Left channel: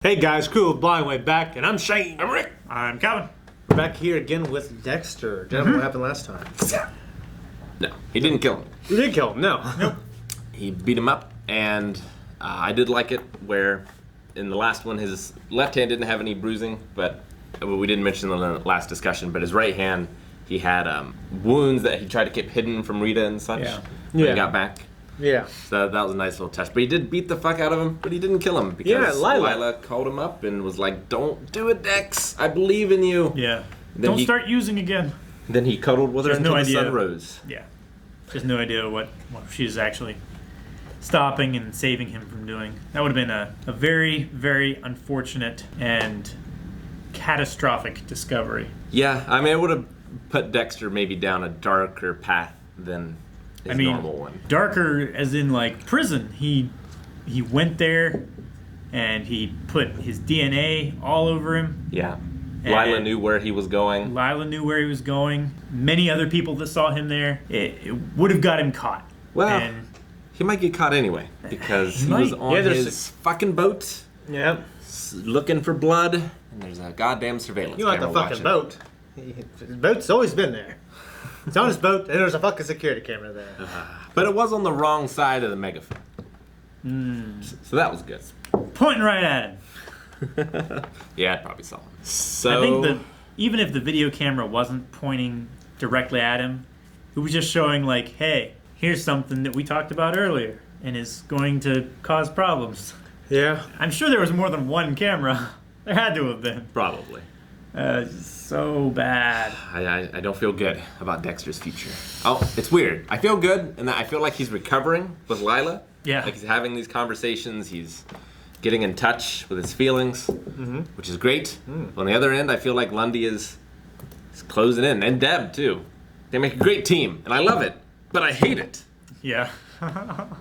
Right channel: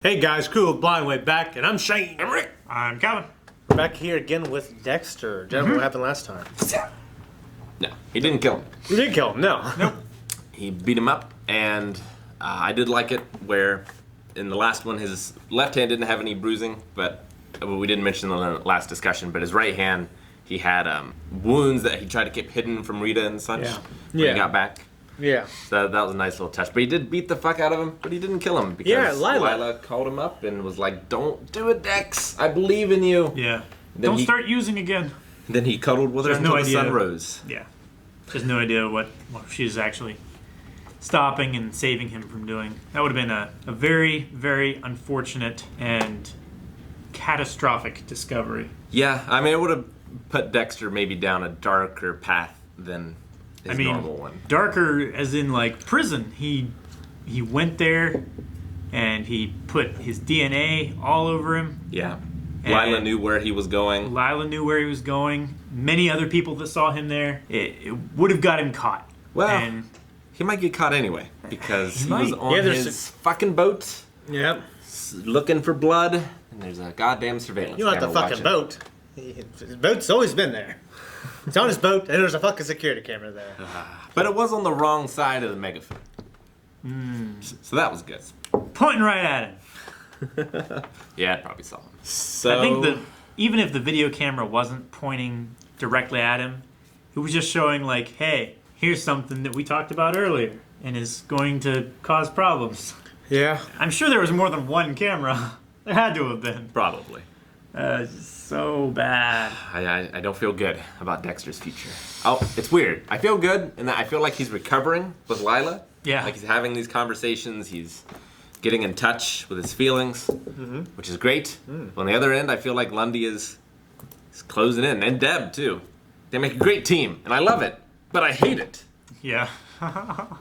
Hey guys, Crew of Blind Way back, and I'm Shane. I'm Rick. I'm Calvin. We're back here again with Dexter. Gentlemen, what happened last time? No, he didn't kill him. We didn't kill him, no. He beat him up, and I did like it where in the last one his left hand didn't have any bruising, but we didn't mention in the last discussion, but his right hand, he had wounds that he tried to keep hidden from Rita and such when he got back. Yeah. So that was a nice little touch. But he did beat the fuck out of him, but he didn't kill him because Lila called him up and was like, "Don't do it, Dex. I believe in you." Yeah. Don't start using again. Then he cuddled with her until the sun rose. Yeah. Just no idea what she's actually stopping and saving him from doing. That would have been a very, very unfortunate and catastrophic discovery. Yeah, I mean, it would have put Dexter maybe down a darker path than his normal one. Darker as in like prison. He went there and he put his DNA all over him. Yeah. Lila knew where he was going. Many other people that saw him there, it would have got him caught. Well, he might get caught anyway because he was on his fucking boat. Yep. Looking for blood, and there's a goddamn surveillance camera the fucking boat. His boat's always been there. It's on his boat, and there's a fucking security camera there. But it was on the wrong side of the megaphone. So that was good. Pointing right at him. Yeah, I'd probably saw him. So I think that even if the video camera wasn't pointing directly at him, it was just showing like, hey, here's something that we talked about earlier and is going to cause problems. Yeah. I'm sure there was more than one camera. There had to have been. Probably. So bad. I don't feel good about Dexter's future. Oh, it's weird. I feel good, and I feel like he's recovering with Lila. Yeah. Like he's having these conversations. He's getting in touch with his feelings, which is great. On the other end, I feel like Lundy is closing in, and Deb too. They make a great team, and I love it, but I hate it. Yeah.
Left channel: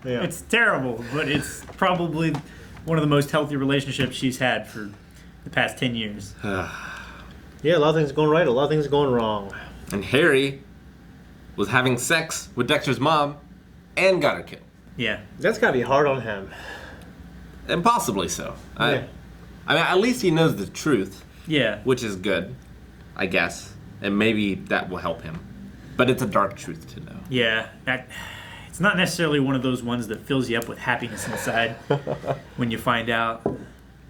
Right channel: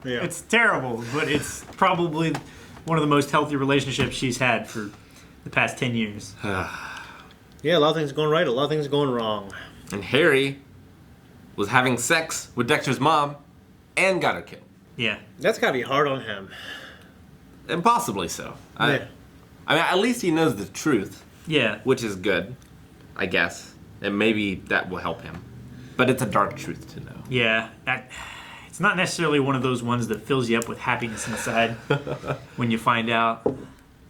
It's terrible, but it's probably one of the most healthy relationships she's had for the past 10 years. Yeah, a lot of things going right, a lot of things going wrong. And Harry was having sex with Dexter's mom and got her killed. Yeah. That's gotta be hard on him. And possibly so. Yeah. I mean, at least he knows the truth. Yeah. Which is good, I guess. And maybe that will help him. But it's a dark truth to know. Yeah. It's not necessarily one of those ones that fills you up with happiness inside when you find out.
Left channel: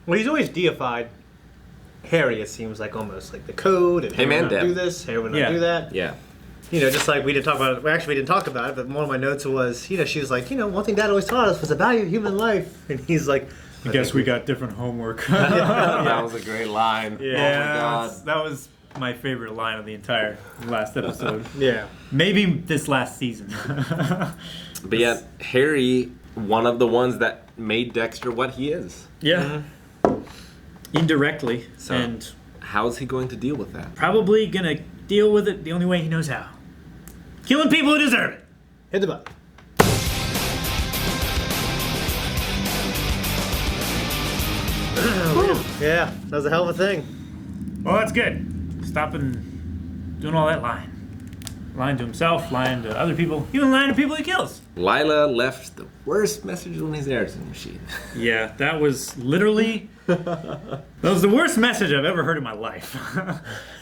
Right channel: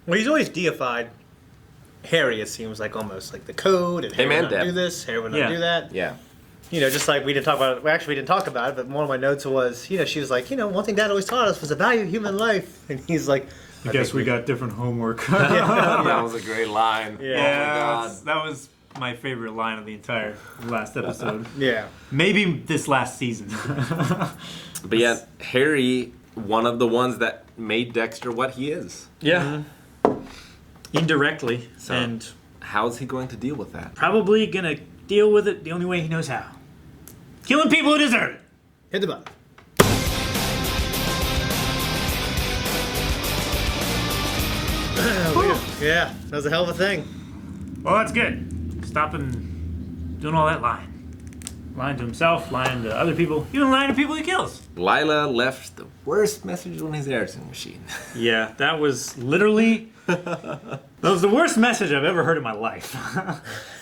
Well, he's always deified Harry, it seems like, almost like the code, and Harry would not do this, Harry would not do that. Yeah. You know, just like we didn't talk about it. Well, actually, we didn't talk about it, but one of my notes was, you know, she was like, you know, one thing Dad always taught us was the value of human life. And he's like, I guess we got different homework. That was a great line. Yeah, oh my God. that was my favorite line of the entire last episode. Yeah. Maybe this last season. But yet, Harry, one of the ones that made Dexter what he is. Yeah. Indirectly. So, and how's he going to deal with that? probably going to deal with it the only way he knows how. Killing people who deserve it. Hit the button. Yeah, that was a hell of a thing. Well, that's good. Stopping doing all that lying. Lying to himself, lying to other people, even lying to people he kills. Lila left the worst message on his editing machine. Yeah, that was literally... that was the worst message I've ever heard in my life.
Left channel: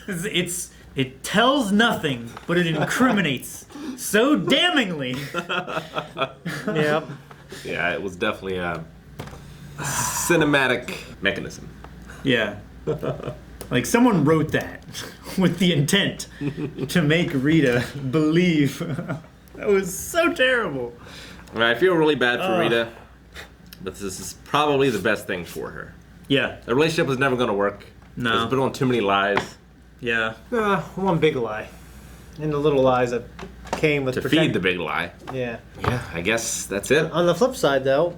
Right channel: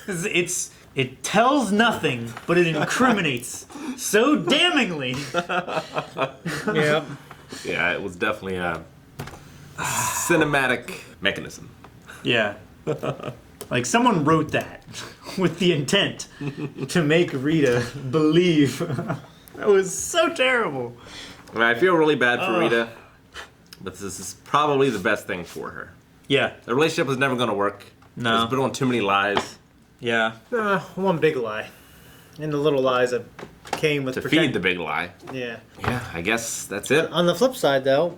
It tells nothing, but it incriminates so damningly. Yeah. Yeah, it was definitely a cinematic mechanism. Yeah. Like someone wrote that with the intent to make Rita believe. That was so terrible. I mean, I feel really bad for Rita, but this is probably the best thing for her. Yeah. The relationship was never going to work. No. It's been on too many lies. Yeah. One big lie. And the little lies that came with to feed the big lie. Yeah. Yeah, I guess that's it. On the flip side, though,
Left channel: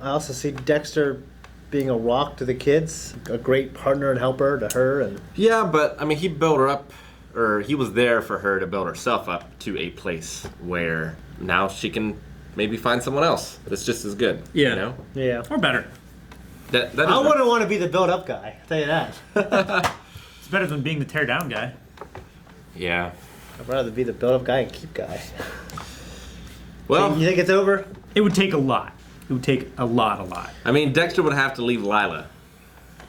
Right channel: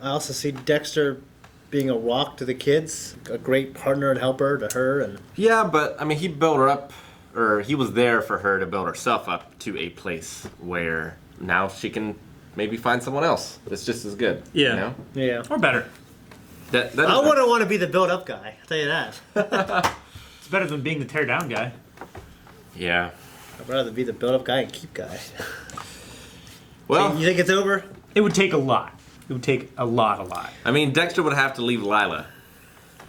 I also see Dexter being a rock to the kids, a great partner and helper to her. And yeah, but I mean, he built her up, or he was there for her to build herself up to a place where now she can maybe find someone else that's just as good. Yeah. You know? Yeah. Or better. I wouldn't want to be the build-up guy. I'll tell you that. It's better than being the tear-down guy. Yeah. I'd rather be the build-up guy and keep guy. Well, so you think it's over? It would take a lot. It would take a lot. I mean, Dexter would have to leave Lila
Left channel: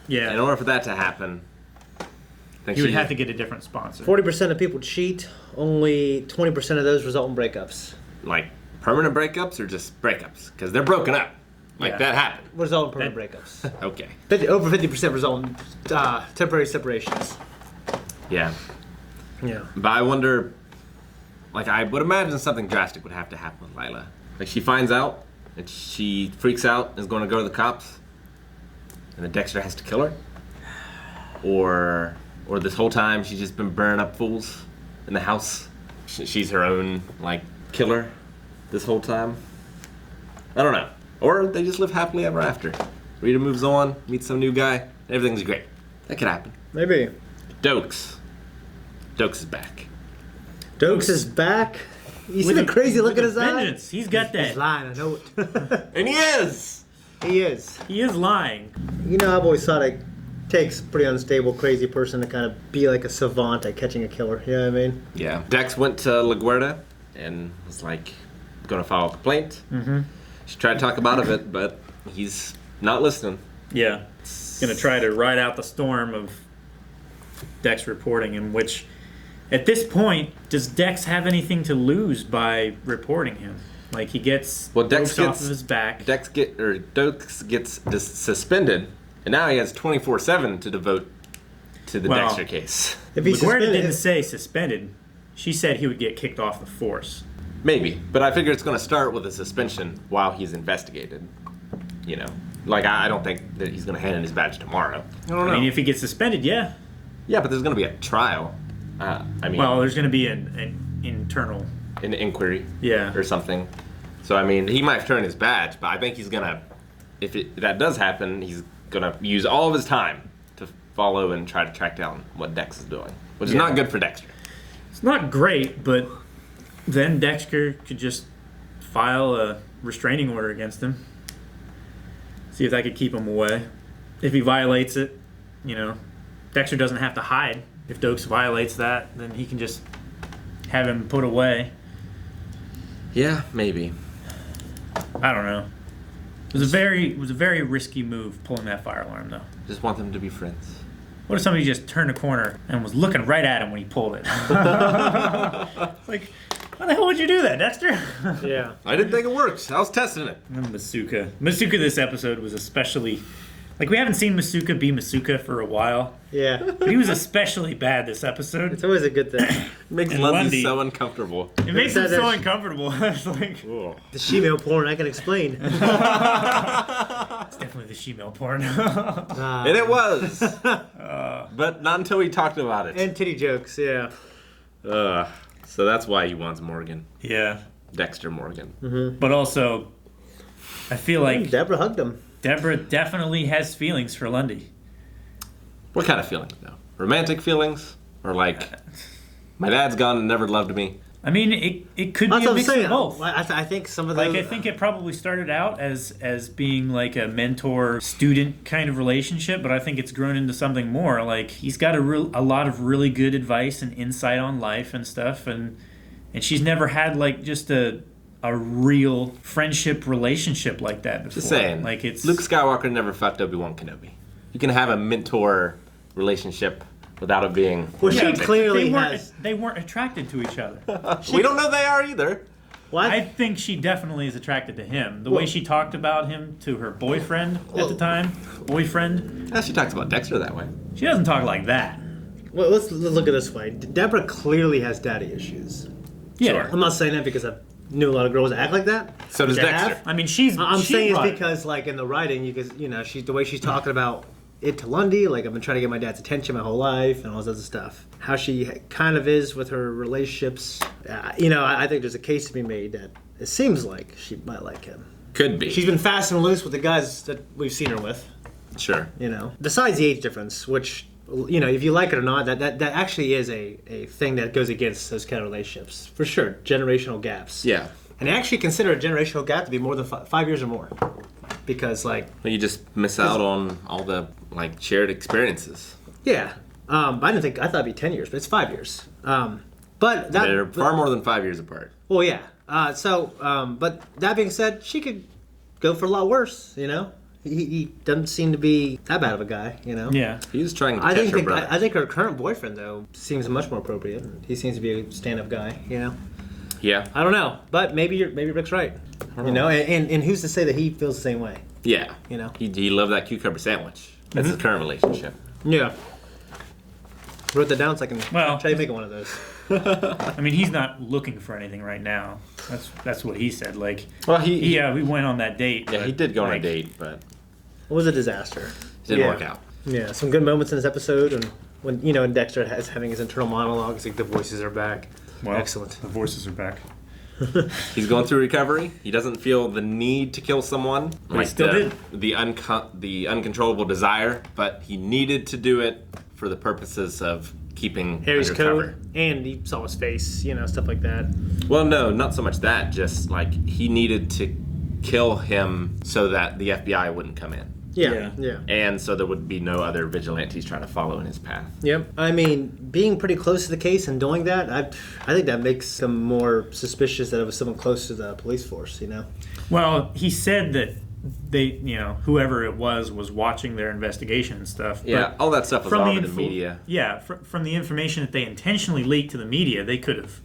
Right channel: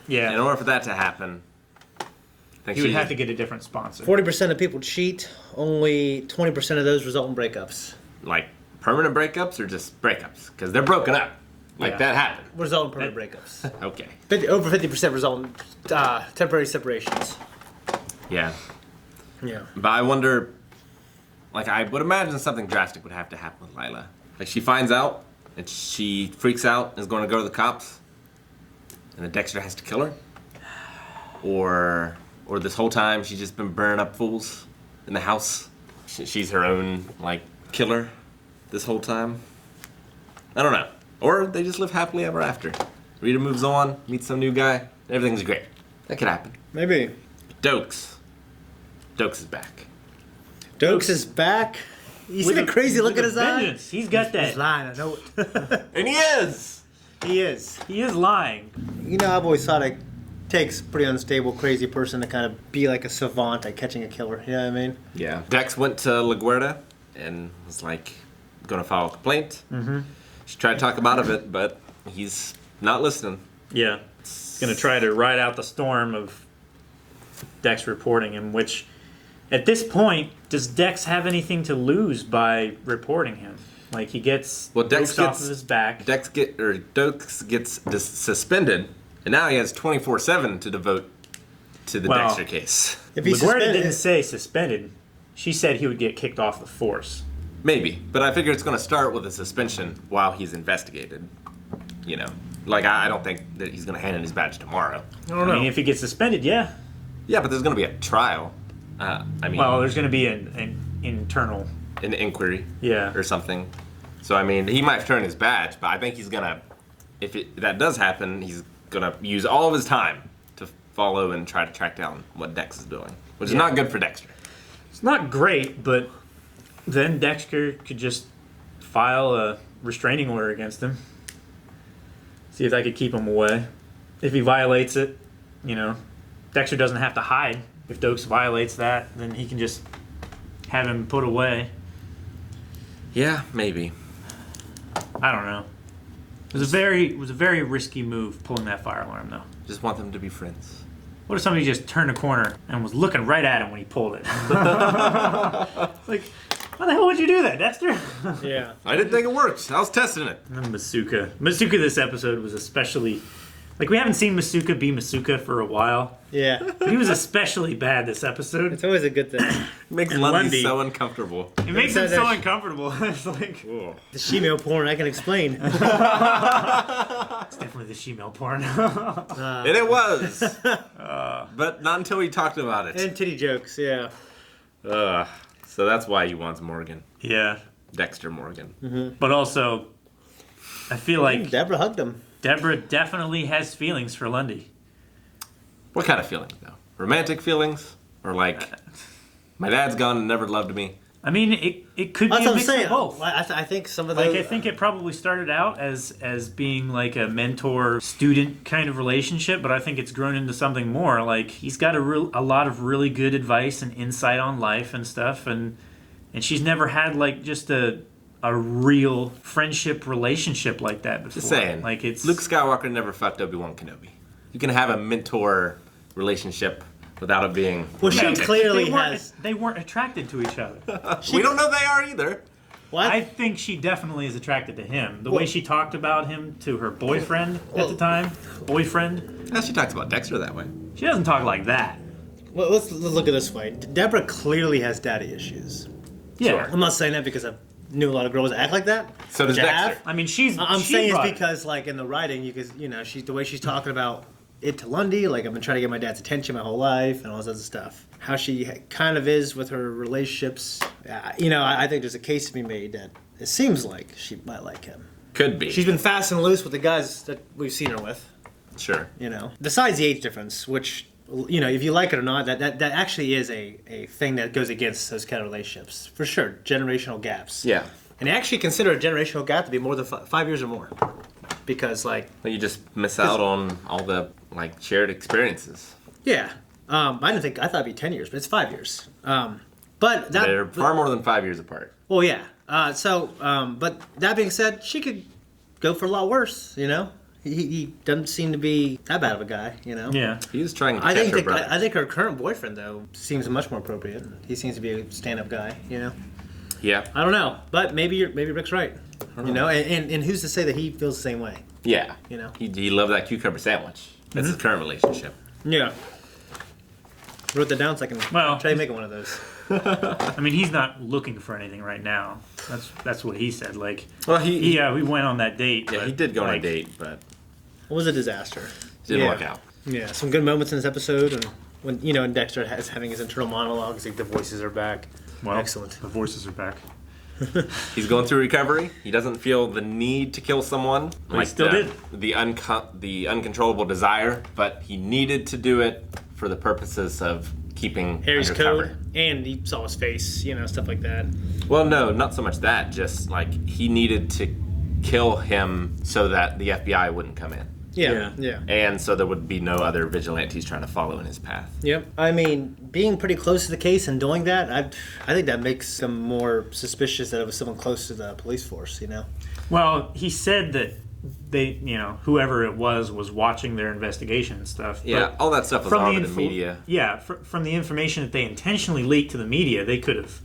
Yeah. In order for that to happen, I think You she would have to get a different sponsor. 40% of people cheat. Only 20% of those result in breakups. like permanent breakups or just breakups because they're broken up. Like Yeah. that happened. Result in permanent breakups. Okay. Over 50% result in temporary separations. Yeah. Yeah. But I wonder, like, I would imagine something drastic would have to happen with Lila. Like, she finds out, and she freaks out and is going to go to the cops, and then Dexter has to kill her? Or this whole time she's just been burning up fools in the house? She's her own, like, killer this whole time? I don't know. Or they just live happily ever after. Rita moves on, meets some new guy, everything's great. That could happen. Maybe. Doakes. Doakes is back. Doakes is back. You see the crazy look in his eye? Vengeance. He's got He's that. lying, I know it. And he is! He is. He is lying. You know, I've always thought it takes a pretty unstable, crazy person to kind of be like a savant at catching a killer. You know what I mean? Yeah. Dex went to LaGuardia and was like, gonna file a complaint. Mm-hmm. She tried to talk him out of it, but he's not listening. Yeah. Gonna try to ride out the storm of Dex reporting him, which at this point, does Dex have anything to lose by reporting him? Like, he gets Dex off of his back. Doakes gets suspended, and now he has 24/7 to devote to the Well, Dexter case. If he's LaGuardia didn't suspended, say suspended. She said he would get kicked off the force. Maybe, but I figure it's gonna start with a suspension while he's investigated. You know, like I don't think that he's gonna hand in his badge tomorrow. I don't know. I mean, if he gets suspended, yeah. Yeah, but there's gonna be a trial. I mean, Well, there's gonna be an internal. an inquiry. Yeah. Or something. So I mean, he might turn his badge, but I think he's gonna, if that does happen, he's gonna use all of his time to follow and try to track down what Dex is doing, which is not good for Dexter. It's not great, but then Dexter could just file a restraining order against him. See if that could keep him away. If he violates it, you know, Dexter doesn't have to hide. If Doakes violates that, then he can just have him put away. Yeah, maybe. I don't know. It was a very risky move pulling that fire alarm, though. Just want them to be friends. What if somebody just turned a corner and was looking right at him when he pulled it? Like, why the hell would you do that, Dexter? yeah. I didn't think it worked. I was testing it. And then Masuka. Masuka this episode was especially... Like, we haven't seen Masuka be Masuka for a while. Yeah. But he was especially bad this episode. It's always a good thing. It makes And Lundy Lundy. so uncomfortable. It makes him so There's- uncomfortable. It's like, Ugh. The she-male porn, I can explain. it's definitely the she-male porn. And it was. But not until we talked about it. And titty jokes, yeah. So that's why he wants Morgan. Yeah. Dexter Morgan. But also, I feel like Deborah hugged him. Deborah definitely has feelings for Lundy. What kind of feelings, though? Romantic feelings? Or like, my dad's gone and never loved me? I mean, it could That's be a what I'm mix saying. of both. I think some of those... Like, I think it probably started out as being like a mentor-student kind of relationship, but I think it's grown into something more. Like, he's got a lot of really good advice and insight on life and stuff, and she's never had like just a real friendship relationship like that before. Just saying. Like, it's Luke Skywalker never fucked Obi-Wan Kenobi. You can have a mentor relationship without it being... Well, she Yeah, clearly they weren't- has... They weren't attracted to each other. We don't know they are either. What? I think she definitely is attracted to him. The way she talked about him to her boyfriend at the time. Boyfriend. Yeah, she talks about Dexter that way. She doesn't talk like that. Well, let's look at it this way. Deborah clearly has daddy issues. Yeah. Sure. I'm not saying that because I knew a lot of girls that act like that. So does which I Dexter. have. I mean, I'm she saying it's brought it. because, like, in the writing, she's the way she's talking about it to Lundy, like, I've been trying to get my dad's attention my whole life and all this other stuff. How she kind of is with her relationships. I think there's a case to be made that it seems like she might like him. Could be. She's been fast and loose with the guys that we've seen her with, Sure. Besides the age difference, which, if you like it or not, that actually is a thing that goes against those kind of relationships. For sure, generational gaps. Yeah. And I actually consider a generational gap to be more than 5 years or more. Because, like, But you just miss out on all the, like, shared experiences. yeah. I thought it'd be 10 years, but it's 5 years. But They're far more than 5 years apart. well, yeah. But that being said, she could go for a lot worse, he doesn't seem to be that bad of a guy, you know. Yeah. He's trying to I catch think her brother. I think her current boyfriend though seems much more appropriate. He seems to be a stand-up guy, you know. Yeah. I don't know, but maybe Rick's right. You know, and who's to say that he feels the same way? Yeah. You know. He loved that cucumber sandwich. That's his current relationship. Yeah. Wrote that down so I can Well- try making one of those. I mean, he's not looking for anything right now. That's what he said. Like, Well, we went on that date. Yeah, but, he did go on a like, date, but It was a disaster. didn't work out. Yeah, some good moments in this episode, and when and Dexter is having his internal monologues, like the voices are back. Well, Excellent. The voices are back. He's going through recovery. He doesn't feel the need to kill someone, like still the uncontrollable desire, but he needed to do it for the purposes of keeping Harry's undercover. code, and he saw his face, stuff like that. Well, no, not so much that. Just like he needed to kill him so that the FBI wouldn't come in, Yeah. and so there would be no other vigilantes trying to follow in his path. Yep. I mean, being pretty close to the case and doing that, I think that makes him more suspicious that it was someone close to the police force. Well, he said that they, whoever it was watching their investigation and stuff. Yeah, But all that stuff was from all the over the info- media. Yeah, from the information that they intentionally leaked to the media, they could have,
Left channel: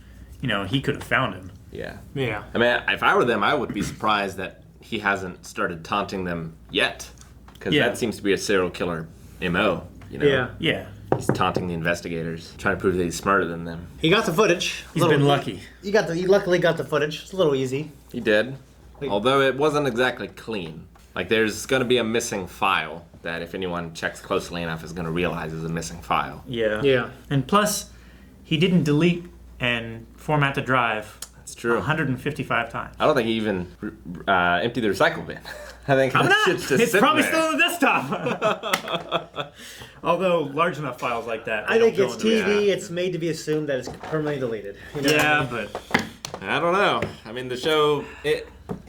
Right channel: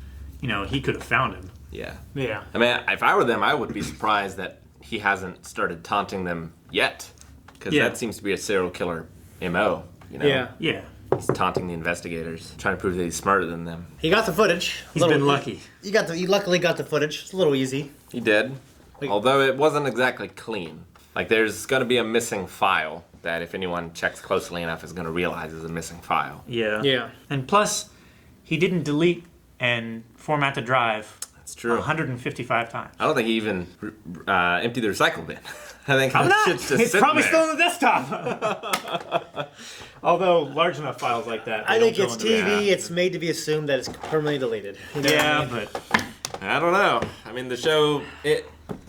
he could have found him. Yeah. Yeah. I mean, if I were them, I would be surprised that he hasn't started taunting them yet, because Yeah. that seems to be a serial killer MO. Yeah. Yeah, He's taunting the investigators, trying to prove that he's smarter than them. He got the footage. he's been lucky. He luckily got the footage. It's a little easy. He did, Wait. although it wasn't exactly clean. Like, there's going to be a missing file that if anyone checks closely enough is going to realize is a missing file. Yeah. Yeah. And plus, he didn't delete and format the drive It's true. 155 times. I don't think he even emptied the recycle bin. I think How that not? shit's just It's sitting probably there. still on the desktop. Although large enough files like that. I they think don't it's go into the- TV. It's made to be assumed that it's permanently deleted. Yeah, but I don't know. I mean, the show.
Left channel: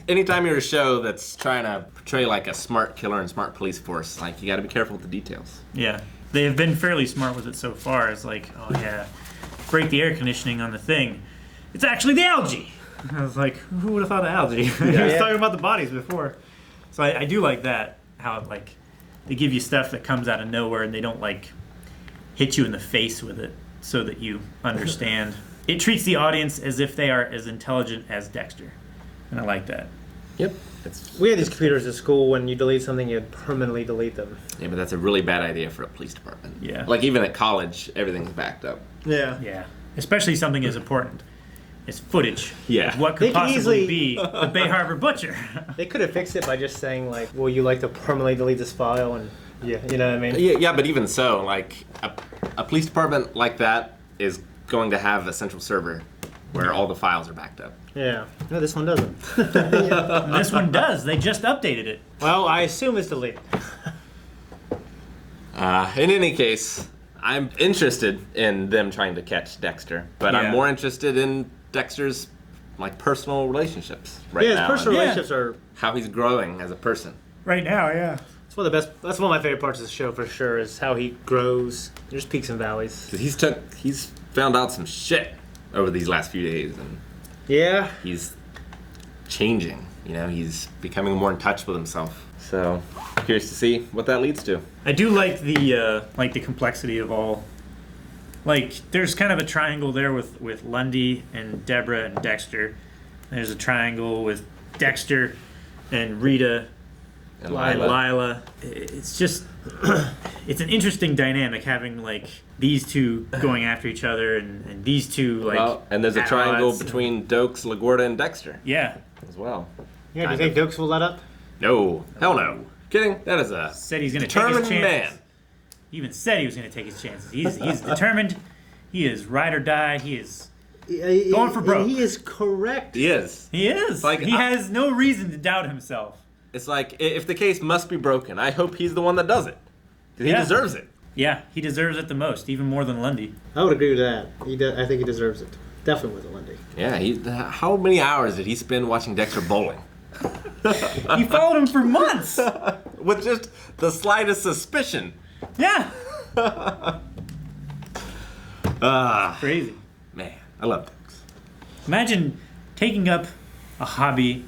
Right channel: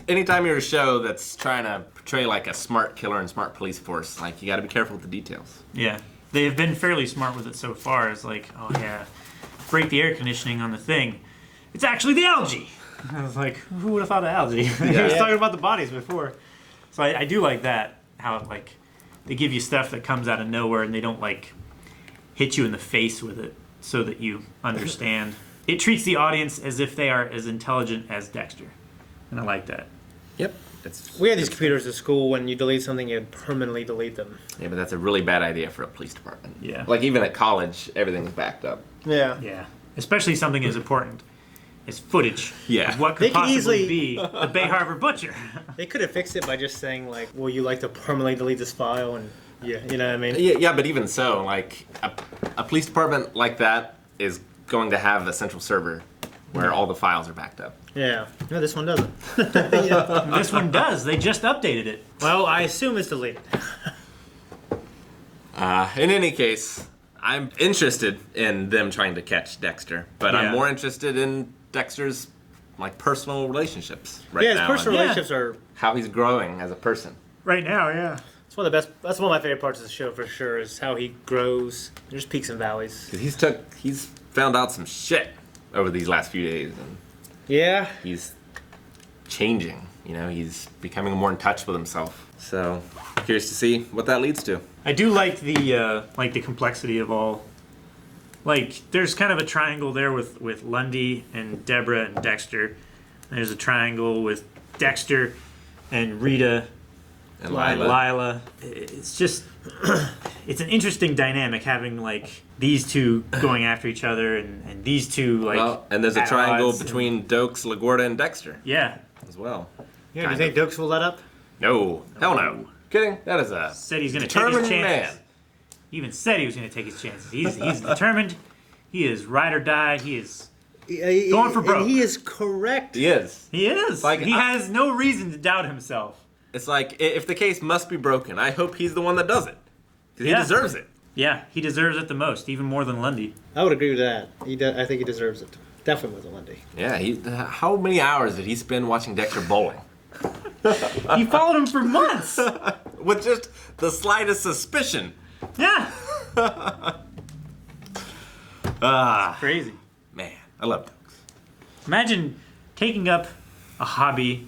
Anytime you're a show that's trying to portray like a smart killer and smart police force, like you got to be careful with the details. yeah, they have been fairly smart with it so far. It's like, oh yeah, break the air conditioning on the thing. It's actually the algae. I was like, who would have thought of algae? I was talking about the bodies before. So I do like that, how like they give you stuff that comes out of nowhere and they don't like hit you in the face with it so that you understand. It treats the audience as if they are as intelligent as Dexter. And I like that. Yep. We had these computers at school. When you delete something, you permanently delete them. Yeah, but that's a really bad idea for a police department. Yeah. Like even at college, everything's backed up. Yeah. Yeah. Especially something as important as footage. Yeah. Of what They could could possibly easily- be the Bay Harbor Butcher. They could have fixed it by just saying like, "Well, you like to permanently delete this file," and you know what I mean? Yeah, but even so, like a police department like that is going to have a central server where all the files are backed up. Yeah. No, this one doesn't. This one does. They just updated it. Well, I assume it's deleted. In any case, I'm interested in them trying to catch Dexter, but Yeah. I'm more interested in Dexter's like personal relationships right Yeah, his now. personal Yeah. relationships are. How he's growing as a person. Right now, yeah. It's one of the best. That's one of my favorite parts of the show for sure. Is how he grows. There's peaks and valleys. 'Cause he's found out some shit over these last few days, and Yeah. he's changing. He's becoming more in touch with himself. So curious to see what that leads to. I do like the complexity of all. Like, there's kind of a triangle there with Lundy and Deborah and Dexter. There's a triangle with Dexter and Rita And and Lila. Lila. It's just, it's an interesting dynamic having like these two going after each other and these two like. Well, and there's a at triangle odds. between Doakes, LaGuardia, and Dexter Yeah. as well. Yeah. Do you think Doakes will let up? No, hell no. Kidding? That is a Said he's going to take determined his chances. man. He even said he was going to take his chances. He's determined. He is ride or die. He is. Going for broke. And he is correct. He is. He is. Like, he has no reason to doubt himself. It's like if the case must be broken, I hope he's the one that does it because he Yeah. deserves it. Yeah, he deserves it the most, even more than Lundy. I would agree with that. I think he deserves it. Definitely with Lundy. Yeah. How many hours did he spend watching Dexter bowling? He followed him for months. With just the slightest suspicion. Yeah. Ah, Crazy. man, I love Doakes. Imagine taking up a hobby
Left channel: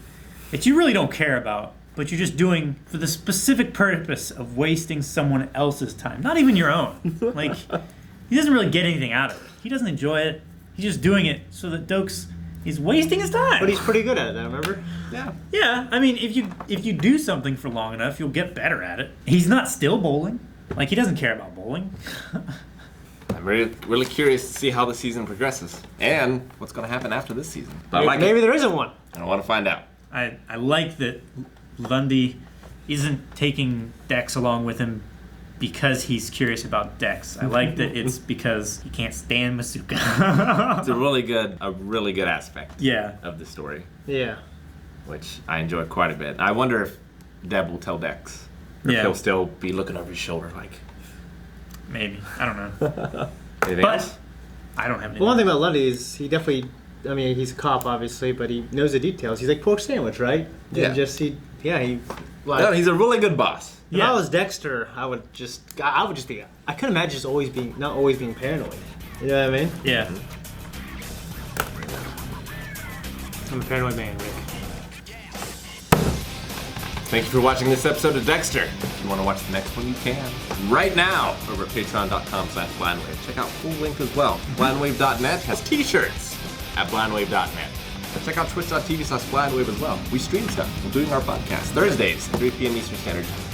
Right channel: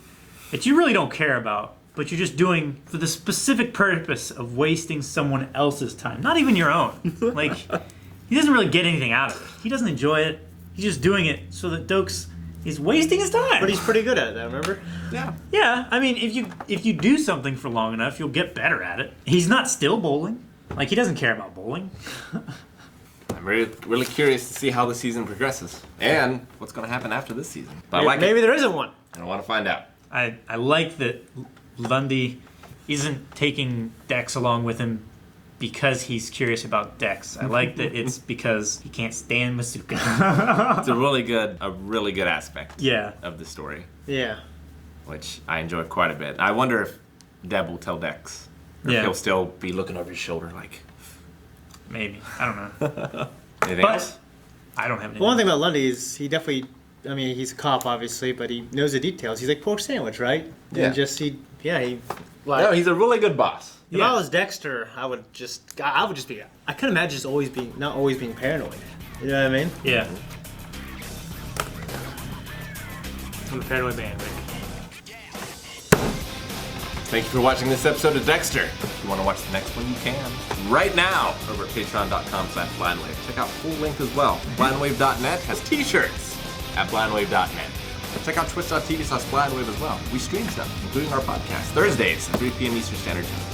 that you really don't care about but you're just doing for the specific purpose of wasting someone else's time, not even your own. Like, he doesn't really get anything out of it. He doesn't enjoy it. He's just doing it so that Doakes is wasting his time. But he's pretty good at it, remember? Yeah. Yeah, I mean, if you do something for long enough, you'll get better at it. He's not still bowling. Like, he doesn't care about bowling. I'm really curious to see how the season progresses and what's going to happen after this season. But I like Maybe it. there isn't one. I want to find out. I like that Lundy isn't taking Dex along with him because he's curious about Dex. I like that it's because he can't stand Masuka. It's a really good aspect Yeah. of the story, Yeah. which I enjoy quite a bit. I wonder if Deb will tell Dex. Or if Yeah. he'll still be looking over his shoulder like... Maybe. I don't know. Anything But else? I don't have any. Well, one thing about Lundy is he definitely, I mean, he's a cop, obviously, but he knows the details. He's like pork sandwich, right? Yeah. And just, he... Like, No, he's a really good boss. if Yeah. I was Dexter, I would just be, I couldn't imagine just not always being paranoid. You know what I mean? Yeah. I'm a paranoid man. Thank you for watching this episode of Dexter. If you want to watch the next one, you can. Right now, over at patreon.com/blindwave. Check out Full Length as well. Blindwave.net has t-shirts at blindwave.net. Check out twitch.tv/blindwave as well. We stream stuff, including our podcast, Thursdays, 3 p.m. Eastern Standard Time.